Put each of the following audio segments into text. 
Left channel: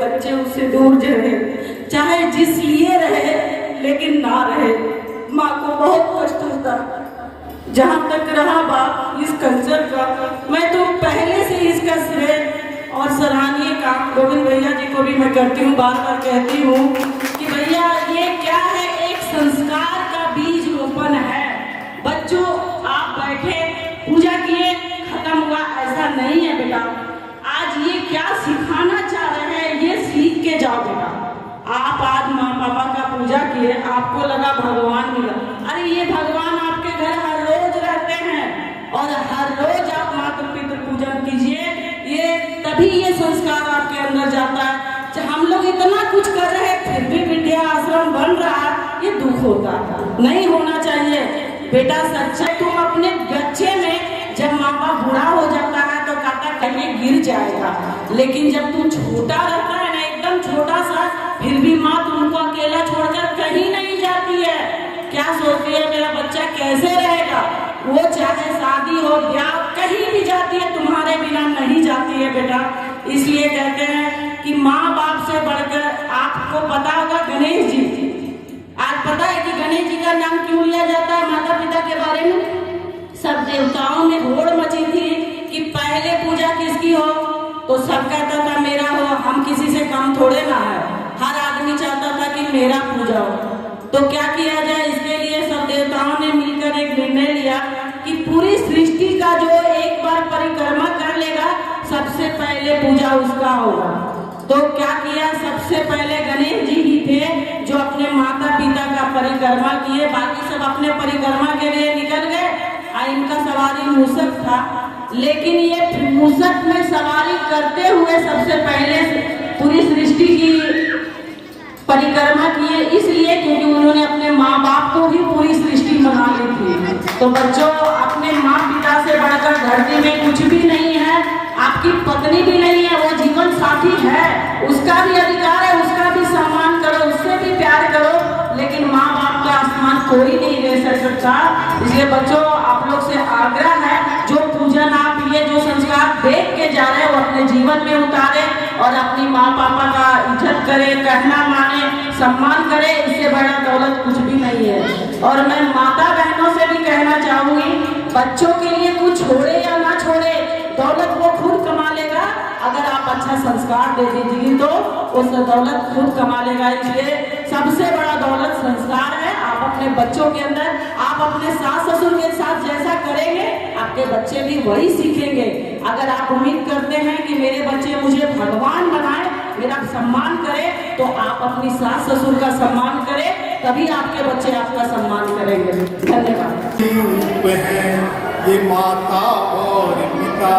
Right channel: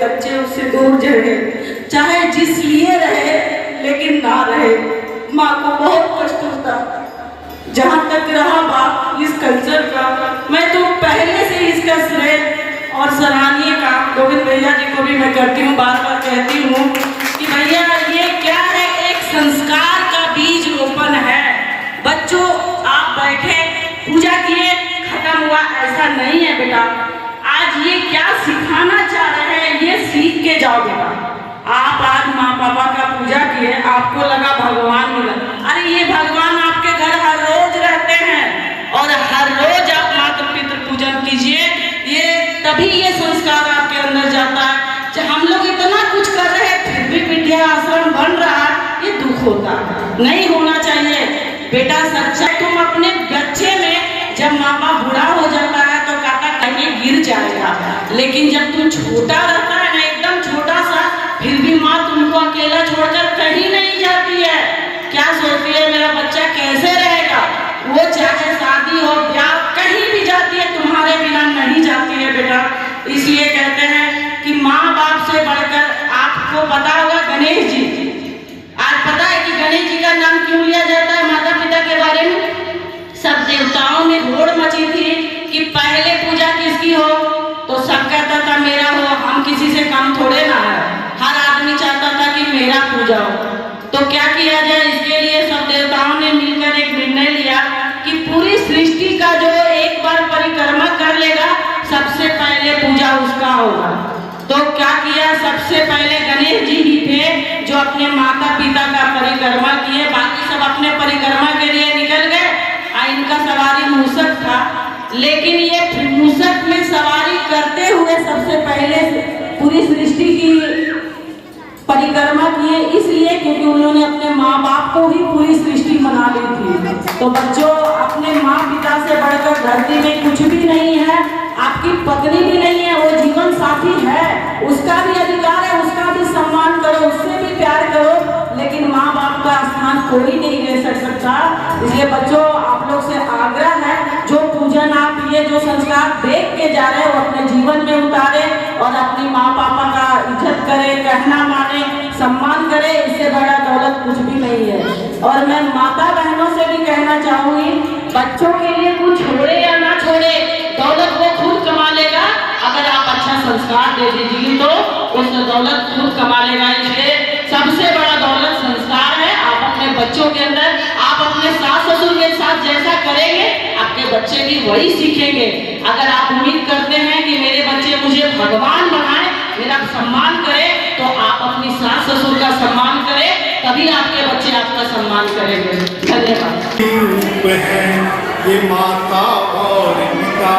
बच्चे उससे दूर रहे, चाहे जिस लिए रहे लेकिन ना रहे। माँ को बहुत कष्ट होता। जहाँ तक रहा बात इस कल्चर का, मैं तो पहले से इसका श्रेय और सराहनीय काम गोविंद भैया जी को भी मैं करती हूँ, बार बार कहती हूँ कि भैया ये क्या है, एक संस्कार का बीज रोपण है। बच्चों आप बैठे पूजा किए खत्म हुआ, ऐसा नहीं है बेटा। आज ये क्या सिखाना चाह रहे हैं ये सीख के जाओ बेटा। आप आज माँ पापा का पूजा किए, आपको लगा भगवान मिला, अरे ये भगवान आपके घर हर रोज रहते हैं और हर रोज आप मातृ पितृ पूजन कीजिए। ये तभी ये संस्कार आपके अंदर जाता है। हम लोग इतना कुछ कर रहे हैं फिर भी विद्या आश्रम बन रहा है, ये दुख होता है, नहीं होना चाहिए बेटा। सच्चा तुम अपने बच्चे में जब माँ बाप बूढ़ा हो जाता है तो काका कहीं गिर जाएगा, लेकिन जब तुम छोटा रहता है ना, एकदम छोटा सा, फिर भी माँ तुमको अकेला छोड़कर कहीं नहीं जाती है। क्या सोचती है मेरा बच्चा कैसे रहेगा, वो चाहे शादी हो ब्याह कहीं भी जाती है, तुम्हारे बिना नहीं जाती है बेटा। इसलिए कहते हैं कि माँ बाप से बढ़कर, आपको पता होगा गणेश जी, आज पता है कि गणेश जी का नाम क्यों लिया जाता है माता पिता के बारे में? सब देवताओं में होड़ मची थी कि पहले पूजा किसकी हो, तो सब कहता था मेरा हो, हम किसी से कम थोड़े ना है, हर आदमी चाहता था कि मेरा पूजा हो। तो क्या किया जाए, इसके लिए सब देवताओं ने मिलकर एक निर्णय लिया कि पूरी सृष्टि का जो एक बार परिक्रमा कर लेगा सबसे पहले पूजा उसका होगा। तो क्या किया, सबसे पहले गणेश जी ही थे जो अपने माता पिता का परिक्रमा किए, बाकी सब अपने परिक्रमा के लिए निकल गए। इनका सवारी मूषक था, लेकिन ये मूषक में सवारी करते हुए सबसे पहले पूरी सृष्टि की परिक्रमा किए, इसलिए क्योंकि उन्होंने अपने माँ बाप को ही पूरी सृष्टि बना ली थी। तो बच्चों अपने माँ पिता से बढ़कर धरती में कुछ भी नहीं है, आपकी पत्नी भी नहीं है, वो जीवन साथी है, उसका भी अधिकार है, उसका भी सम्मान करो, उससे भी प्यार करो, लेकिन माँ बाप का स्थान कोई नहीं ले सकता। इसलिए बच्चों आप लोग से आग्रह है, जो पूजन आप ये जो संस्कार देख के जा रहे हो अपने जीवन में उतारे और अपनी माँ पापा का इज्जत करे, कहना माने, सम्मान करे, इससे बड़ा दौलत कुछ भी नहीं है। और मैं माता बहनों से भी कहना चाहूंगी, बच्चों के लिए कुछ छोड़े या ना छोड़े, दौलत वो खुद कमा लेगा। अगर आप अच्छा संस्कार दे दीजिए तो उस दौलत खुद कमा लेगा। इसलिए सबसे बड़ा दौलत संस्कार है। आप अपने बच्चों के अंदर, आप अपने सास ससुर के साथ जैसा करेंगे आपके बच्चे भी वही सीखेंगे। अगर आप उम्मीद करते हैं कि मेरे बच्चे मुझे भगवान बनाए, मेरा सम्मान करें, तो आप अपनी सास ससुर का सम्मान करें, तभी आपके बच्चे आपका सम्मान करेंगे। धन्यवाद। ये माता और पिता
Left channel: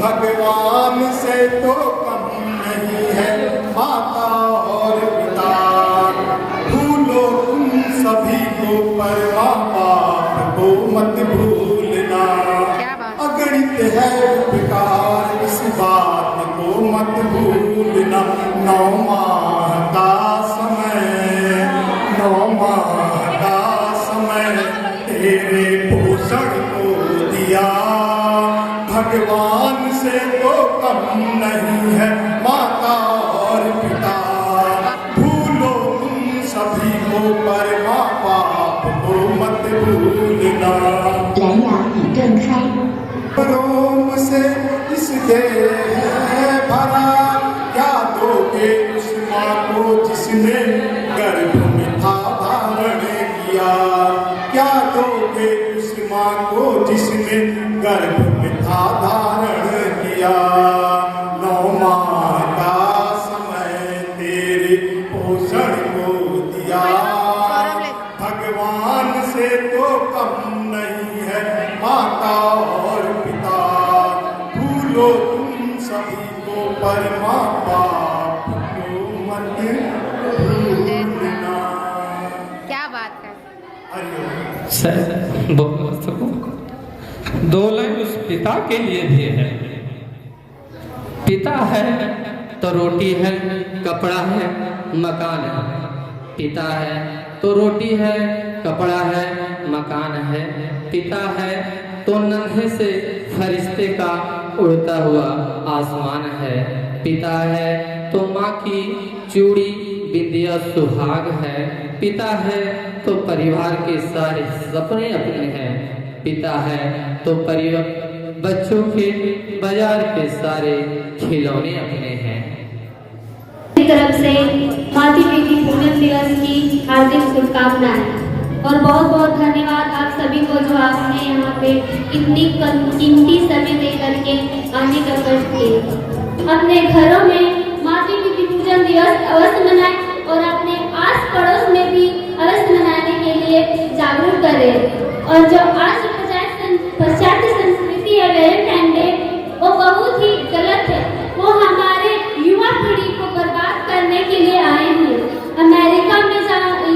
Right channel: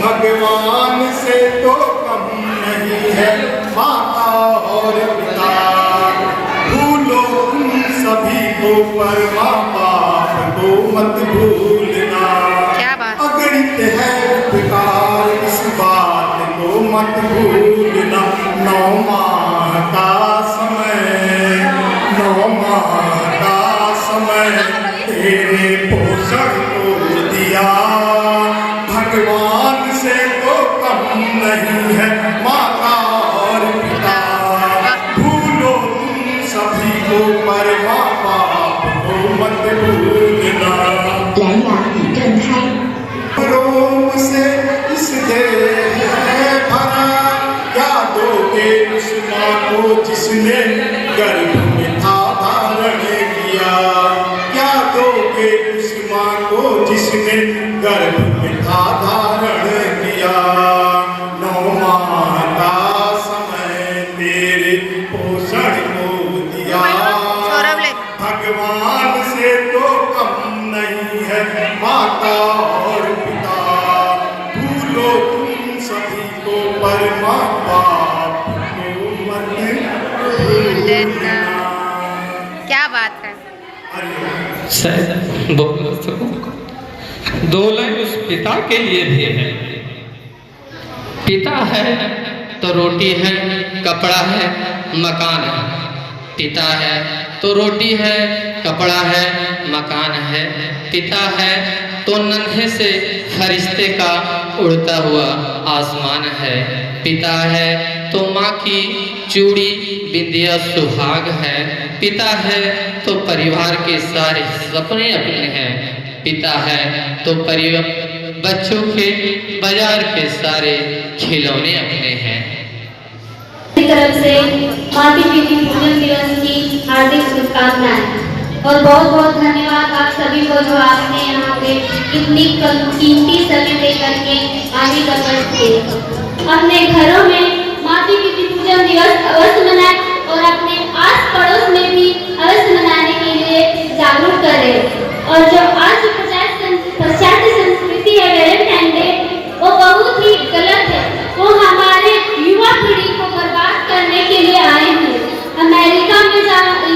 भगवान से तो कम नहीं है, माता और पिता भूलो तुम सभी को, पर माँ बाप को मत भूलना। अगणित है उपकार, इस बात को मत भूलना। 9 माह का समय, 9 माह का समय तेरे पोषण को दिया, भगवान से तो कम नहीं है, माता और पिता भूलो तुम सभी को, पर माँ बाप को मत भूलना। रोम से इस देह है भरा, क्या दोगे उस माँ को जिसने गर्भ में था धारण किया, क्या दोगे उस माँ को जिसने गर्भ में था धारण किया। 9 माह का समय तेरे पोषण को दिया, भगवान से तो कम नहीं है, माता और पिता भूलो तुम सभी को, पर माँ बाप को मत भूलना। क्या बात है। दौलत उस पिता के लिए भी है। पिता है तो रोटी है, कपड़ा है, मकान है। पिता है तो रोटी है, कपड़ा है, मकान है। पिता है तो नन्हे से फरिश्ते का उड़ता हुआ आसमान है। पिता है तो माँ की चूड़ी बिंदिया सुहाग है। पिता है तो परिवार के सारे सपने अपने हैं। पिता है तो परिवार बच्चों के बाजार के सारे खिलौने अपने हैं। मेरी तरफ से मातृ प्रीति पूजन दिवस की हार्दिक शुभकामनाएं और बहुत बहुत धन्यवाद आप सभी को जो आपने यहाँ पे इतनी कीमती समय देकर के आने का कष्ट किए। अपने घरों में मातृ प्रीति पूजन दिवस अवश्य मनाएं और अपने आस पड़ोस में भी अवश्य मनाने के लिए जागरूक करें। और जो आज पाश्चात्य संस्कृति है वैलेंटाइन डे, वो बहुत ही गलत है। वो हमारे युवा पीढ़ी को बर्बाद करने के लिए आए हैं। अमेरिका में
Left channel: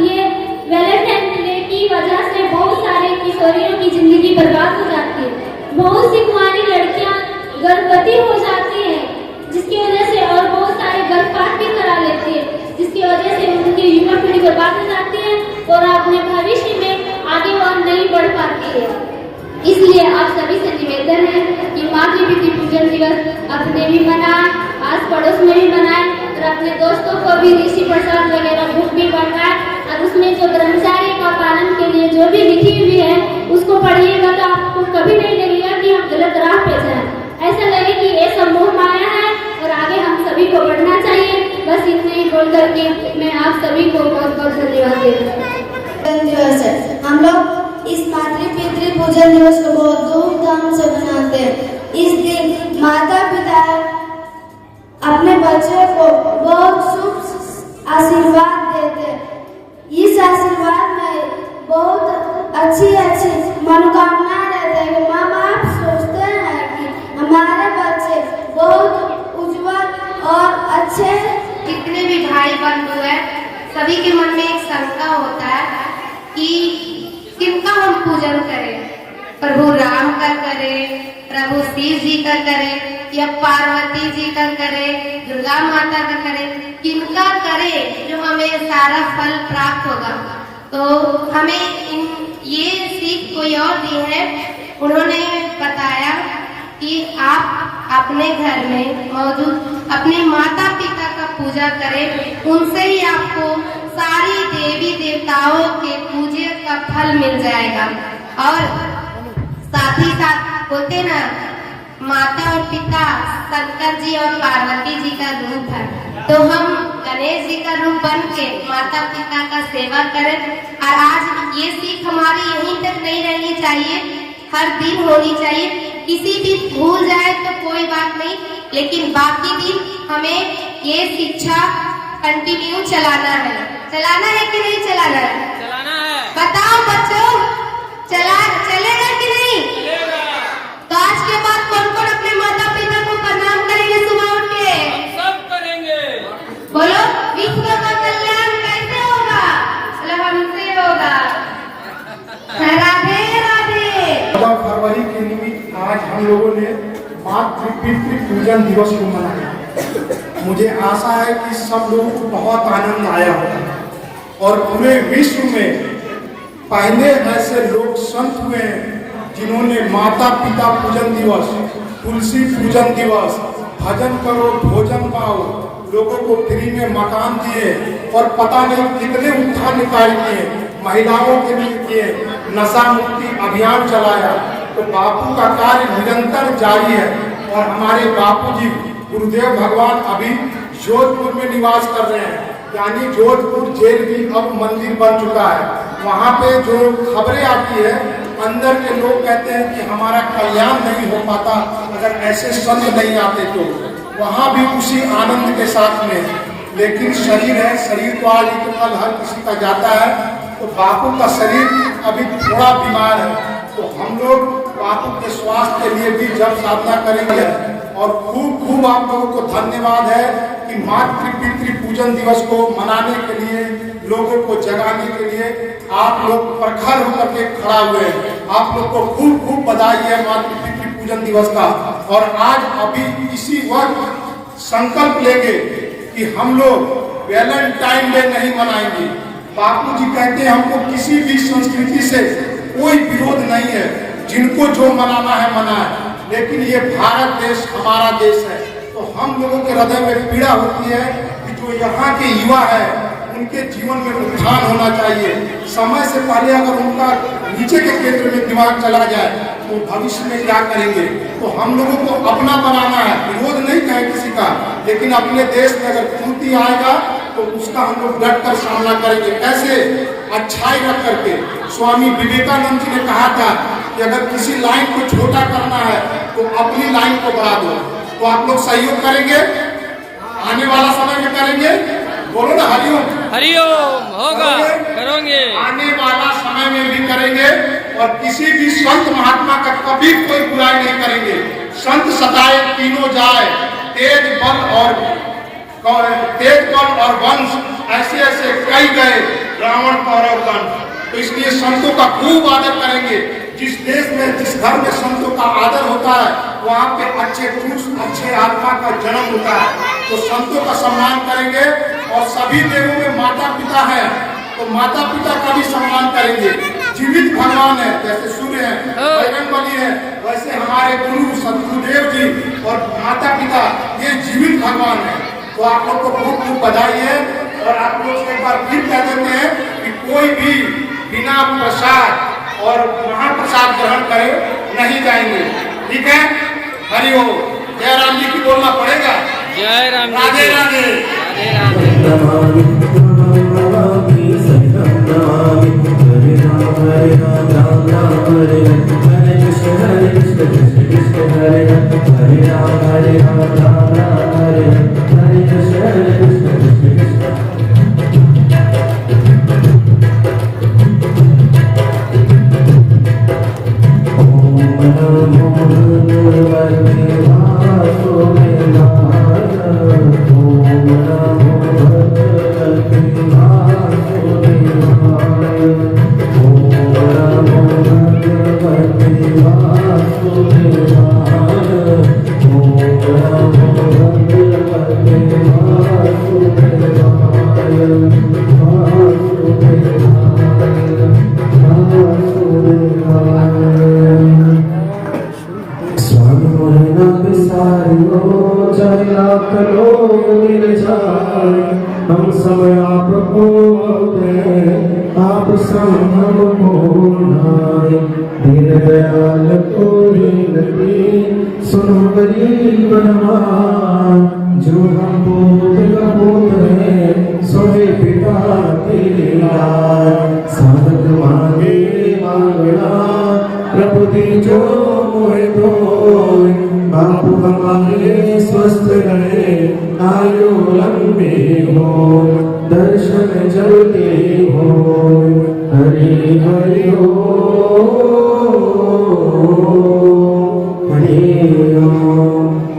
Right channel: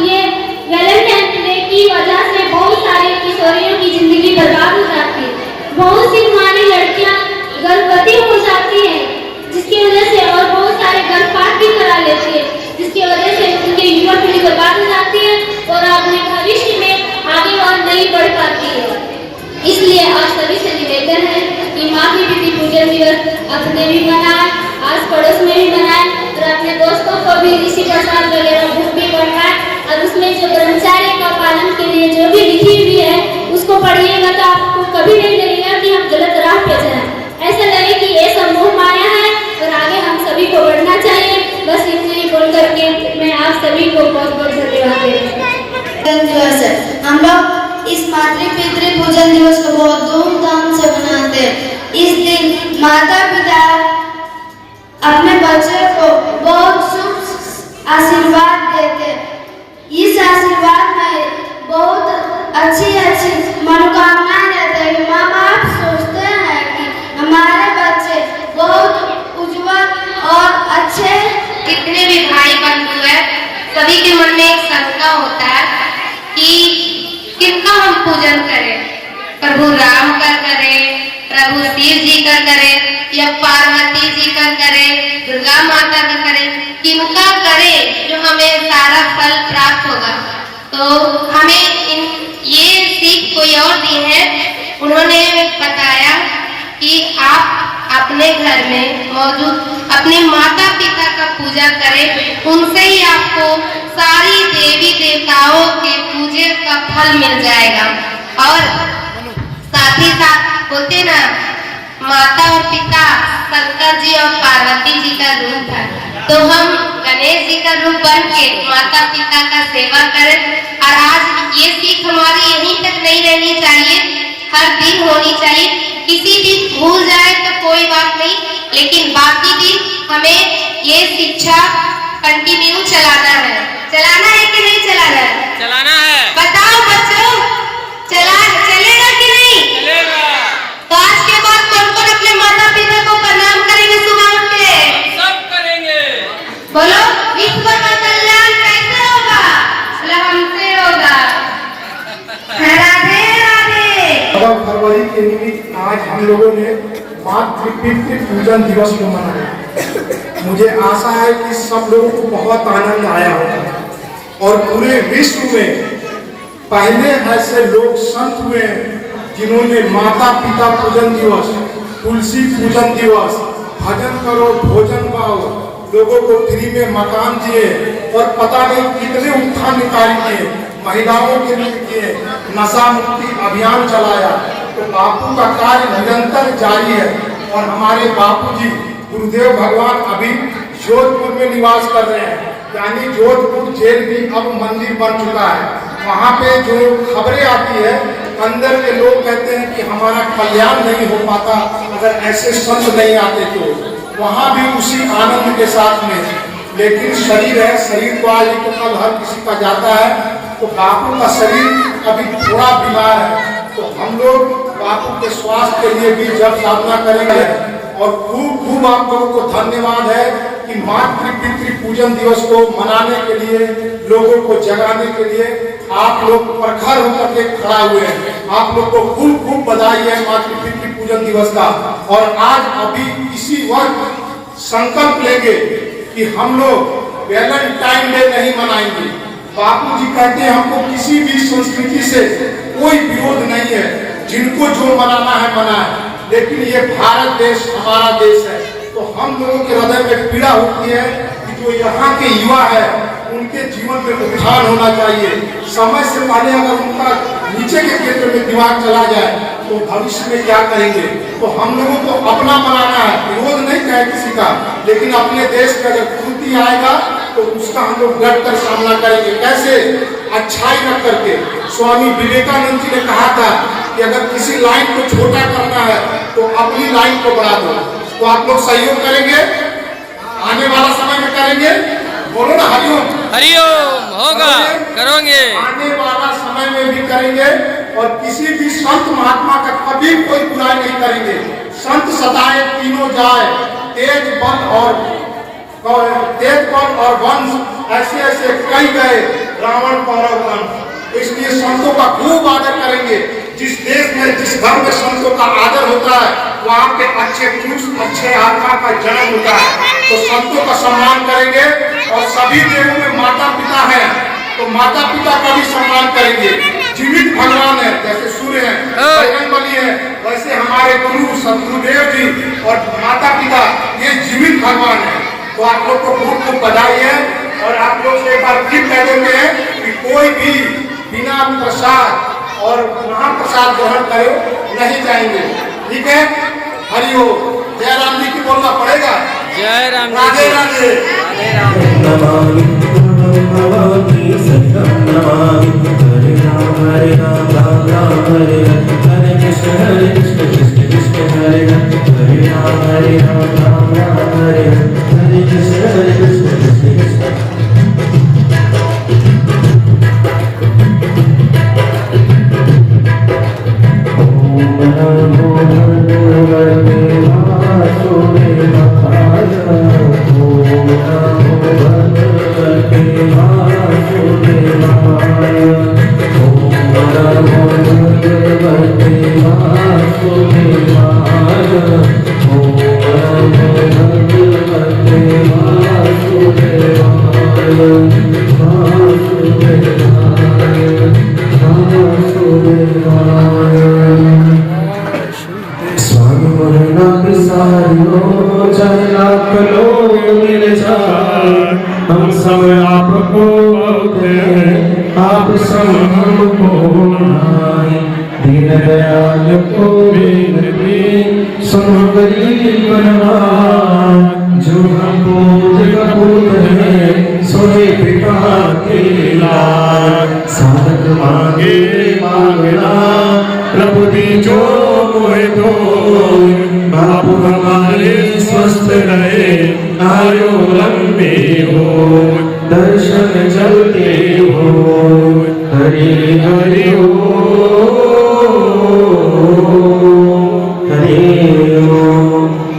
ये वैलेंटाइन डे की वजह से बहुत सारे किशोरियों की जिंदगी बर्बाद हो जाती है। बहुत सी हमारी लड़कियां गर्भवती हो जाती हैं, जिसकी वजह से और बहुत सारे गर्भपात भी करा लेती है, जिसकी वजह से उनकी युवा पीढ़ी बर्बाद हो जाती है और अपने भविष्य में आगे और नहीं बढ़ पाती है। इसलिए आप सभी से निवेदन है कि मातृ प्रीति पूजन दिवस अपने भी मनाएं, आस पड़ोस में भी मनाएं और अपने दोस्तों को भी ऋषि प्रसाद वगैरह बुक भी पढ़ाएं और उसमें जो ब्रह्मचार्य का पालन के लिए जो भी लिखी हुई है उसको पढ़िएगा तो आपको कभी नहीं लगेगा कि हम गलत राह पे जाएं। ऐसा लगे कि ये समूह माया है और आगे हम सभी को बढ़ना चाहिए। बस इतने ही बोल करके मैं आप सभी को बहुत बहुत धन्यवाद देती हूँ। हम लोग इस मातृ पितृ पूजन दिवस को बहुत धूमधाम से मनाते हैं। इस दिन माता पिता अपने बच्चे को बहुत शुभ आशीर्वाद देते हैं। इस आशीर्वाद में बहुत अच्छी अच्छी मनोकामनाएं रहते हैं। माँ बाप सोचते हैं कि हमारे बच्चे बहुत उज्जवल और अच्छे। कितने भी भाई बंधु है, सभी के मन में एक शंका होता है कि किनका हम पूजन करें, प्रभु राम का करें, प्रभु शिव जी का करें या पार्वती जी का करें, दुर्गा माता का करें, किनका करें जो हमें सारा फल प्राप्त होगा। तो हमें ये सीख कोई और दी है। उन्होंने बताया कि आप अपने घर में मौजूद अपने माता पिता का पूजा करें, उनसे ही आपको सारी देवी देवताओं के पूजे का फल मिल जाएगा। और साथ ही साथ होते ना, माता और पिता शंकर जी और पार्वती जी का रूप है, तो हम गणेश जी का रूप बन के माता पिता का सेवा करें। और आज ये सीख हमारी यहीं तक नहीं रहनी चाहिए, हर दिन होनी चाहिए। किसी दिन भूल जाए तो कोई बात नहीं, लेकिन बाकी दिन हमें ये शिक्षा कंटिन्यू चलाना है। चलाना है कि नहीं चलाना है? चलाना है। बताओ बच्चों, चलेगा कि नहीं? चलेगा। तो आज के बाद कौन कौन अपने माता पिता को प्रणाम करेंगे सुबह उठ के? सब करेंगे। बोलो, विश्व का कल्याण कैसे होगा? बोले हमसे होगा। राधे राधे। 14 फरवरी के निमित्त आज हम लोगों ने मातृ पितृ पूजन दिवस को मनाया। मुझे आशा है कि सब लोगों को बहुत आनंद आया होगा और पूरे विश्व में पहले ऐसे लोग संत हुए जिन्होंने माता पिता पूजन दिवस, तुलसी पूजन दिवस, भजन करो भोजन पाओ, लोगों को फ्री में मकान दिए और पता नहीं कितने उत्थान निकाल किए, महिलाओं के लिए किए, नशा मुक्ति अभियान चलाया। तो बापू का कार्य निरंतर जारी है और हमारे बापू जी गुरुदेव भगवान अभी जोधपुर में निवास कर रहे हैं, यानी जोधपुर जेल भी अब मंदिर बन चुका है। वहाँ पे जो खबरें आती है, अंदर के लोग कहते हैं कि हमारा कल्याण नहीं हो पाता अगर ऐसे संत नहीं आते तो। वहाँ भी उसी आनंद के साथ में, लेकिन शरीर है, शरीर को आज तो कल हर किसी का जाता है। तो बापू का शरीर अभी थोड़ा बीमार है, तो हम लोग बापू के स्वास्थ्य के लिए भी जब साधना करेंगे। और खूब खूब आप लोगों को धन्यवाद है कि मातृ पितृ पूजन दिवस को मनाने के लिए, लोगों को जगाने के लिए आप लोग प्रखर होकर के खड़ा हुए हैं। आप लोग को खूब खूब बधाई है मातृ पितृ पूजन दिवस का। और आज अभी इसी वक्त संकल्प लेंगे कि हम लोग वैलेंटाइन डे नहीं मनाएंगे। बापू जी कहते हैं हमको किसी भी संस्कृति से कोई विरोध नहीं है, जिनको जो मनाना है मनाए, लेकिन ये भारत देश हमारा देश है, तो तो हम लोगों के हृदय में पीड़ा होती है कि जो यहाँ के युवा है उनके जीवन में उत्थान होना चाहिए। समय से पहले अगर उनका नीचे के क्षेत्र में दिमाग चला जाए तो भविष्य में क्या करेंगे। तो हम लोगों को अपना बनाना है, विरोध नहीं है किसी का, लेकिन अपने देश में अगर क्रांति आएगा तो उसका हम लोग बेहतर सामना करेंगे। कैसे? अच्छाई रख करके। स्वामी विवेकानंद जी ने कहा था कि अगर किसी लाइन को छोटा करना है तो अपनी लाइन को बढ़ा दो। तो आप लोग सहयोग करेंगे, आने वाला समय में करेंगे, बोलो ना हरिओम। हरिओम होगा, करोगे। आने वाला समय में भी करेंगे और किसी भी संत महात्मा का कभी कोई बुराई नहीं करेंगे। संत सताए तीनों जाए, तेज बल और वंश ऐसे ऐसे कई गए रावण कौरव वंश। तो इसलिए संतों का खूब आदर करेंगे। जिस देश में जिस घर में संतों का आदर होता है वहाँ पे अच्छे पुरुष अच्छे आत्मा का जन्म होता है। तो संतों का सम्मान करेंगे और सभी देवों में माता पिता है तो माता पिता का भी सम्मान करेंगे। जीवित भगवान है, जैसे सूर्य है, बजरंगबली है, वैसे हमारे गुरु सतगुरुदेव जी और माता पिता ये जीवित भगवान है। तो आप लोग को खूब खूब बधाई है और आप लोग से एक बार फिर कह देते हैं कि कोई भी बिना प्रसाद और महाप्रसाद ग्रहण करे नहीं जाएंगे। ठीक है? हरि ओम। जय राम जी की बोलना पड़ेगा। जय राम जी राधे राधे। राधे राधे। हम सब आपको आप सब हमको नाय। दीन दयाल को बिनती सुनो गरीब बनवाय। जो हम पूत कपूत है सोए पिता के लाय। साधक मांगे मांगना प्रभु दी जो मोहे दो। बाबू हमारे स्वस्थ रहे आयु लंबी हो दर्शन जल्दी हो। हरि हरि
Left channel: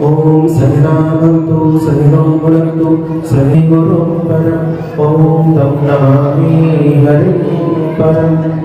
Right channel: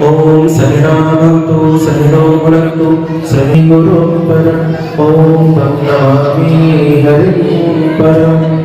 ओम सहनावतु सहनौ भुनक्तु सहि गुरु परम। ओम नमामि हरि परम।